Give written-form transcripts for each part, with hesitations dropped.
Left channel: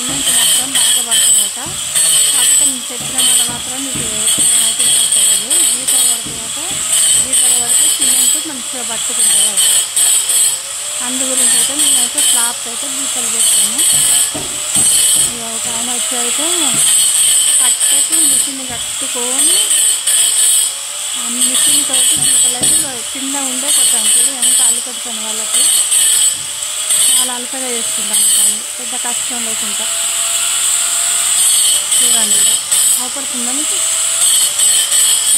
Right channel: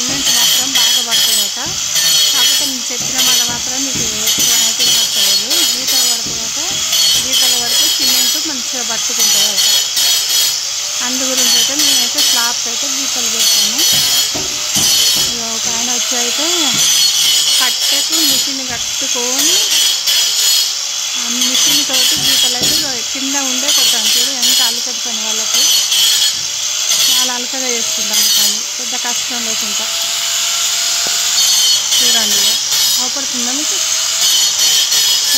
Cement మాత్రం బాగా పడుతుందట. కాకపోతే నేను చెప్పిన మాట మాత్రం మీకు అయితే పట్టలేదు. గీతలు పడుతుందట. గీతలు పడితే సిమెంట్ మంచిగా పట్టుకుంటుందట. అందు గురించి అయితే నేనైతే స్లాబ్కి అయితే గీతలు పెట్టాను. ఒక ఆయన వచ్చి అయితే కట్టెకు మిషన్ కట్టుకొని ఆ మిషన్ తోటి గీతలు అయితే కింద ఉండే కొట్టాను. చూడు ఎంత అలకటి పని వాళ్ళకి, చాలా అలకగా చేసుకుంటాను కానీ పెద్ద కష్టం లేకుండా. చూడండి ఇక అవపడుతుందా మీకు?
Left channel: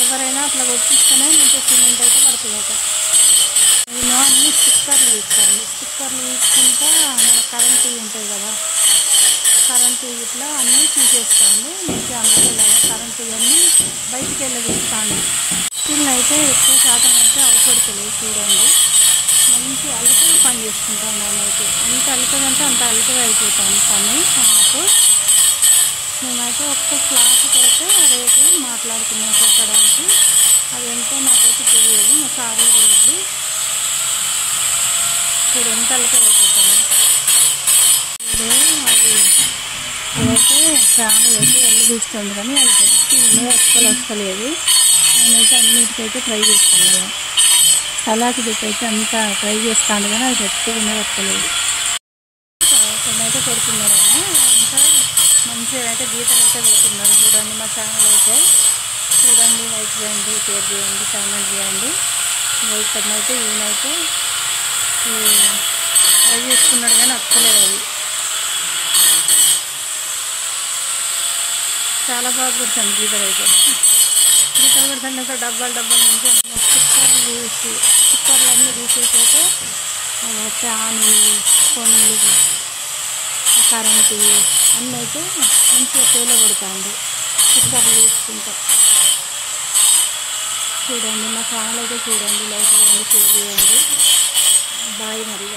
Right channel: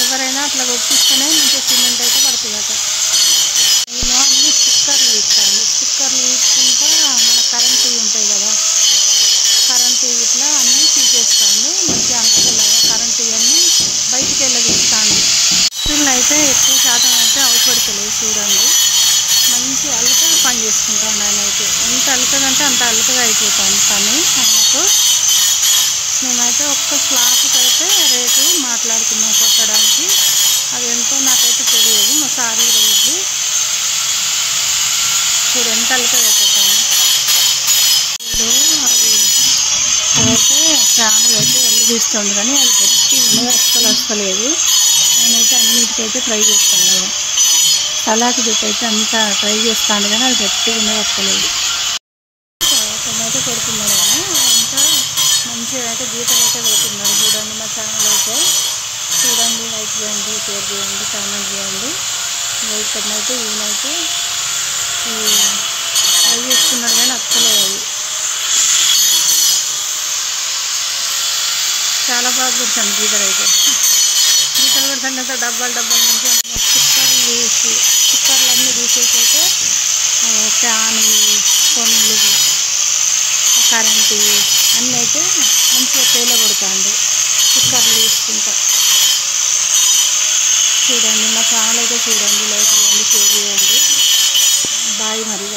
ఎవరైనా అట్లా కొట్టిస్తేనే మంచిగా సిమెంట్ అయితే పడుతుందట. నేను అన్ని స్టిక్కర్లు తీసుకోవాలి. స్టిక్కర్లు తీసుకుంటా మన కరెంటు ఉంటాయి కదా, కరెంటు ఇట్లా అన్నీ తీసేస్తాను. మంచిగా అందులో కరెంటు ఇవన్నీ బయటికి వెళ్ళగిస్తాను. స్టిల్ అయితే ఎక్కువ శాతం అయితే అవపడతలేదు. చూడండి మంచి అలకగా పని చేసుకుంటాను. ఆయన అయితే ఎంత అలకగంటే అంత అలకగా అయిపోతాను పని ఆయనకు. మేమైతే ఒక్క స్లాబ్కి అయితే రేటు మాట్లాడుకున్నాం కొట్టడానికి. అది ఎంతో నాకైతే తెలియదు, మా సార్లు తెలియదు. చూడు ఎంత అలకగా అయిపోతాను. ఇప్పుడు అది అయితే ఫ్యాన్ అయితే వెలుగిస్తుంది కానీ అది గట్టి ఉన్నది, అస్సలు వస్తలేదు. నేనైతే అన్నిటికైతే ట్రై చేస్తాను కదా, సలాకి పెట్టి అయితే అంతా ట్రై చేస్తాను కానీ అది గట్టిగా ఉన్నది, వస్తలేదు. అయితే కొడుతున్నారు ఆయన, అంతా మంచిగా అయితే గీతలు అయితే పెడుతున్నారు. చూడండి మా ఛానల్ అయితే చూడండి, లైక్ చేయండి, షేర్ చేయండి, కామెంట్ చేయండి. ఇక్కడనైతే ఈయనైతే ట్రై చేసుకున్నాడు కానీ వస్తలేదు. అది చాలా బాగా కొడుతుంది గీతలు అయితే. గీతలు కొడుతుంటే డబ్బాలు డబ్బాలు నుంచి స్టిక్కర్లు తీసి స్టిక్కర్లు అన్నీ తీసేసి అయితే ఫ్యాన్ కొన్లు కరెంటు అన్నీ అయితే మంచిగా తేల కొడుతాండు స్టిక్కర్లు తీసుకుంటా. చూడండి మా ఛానల్ అయితే చూడండి, లైక్ చేయండి, షేర్ చేయండి. బాయ్ మరి.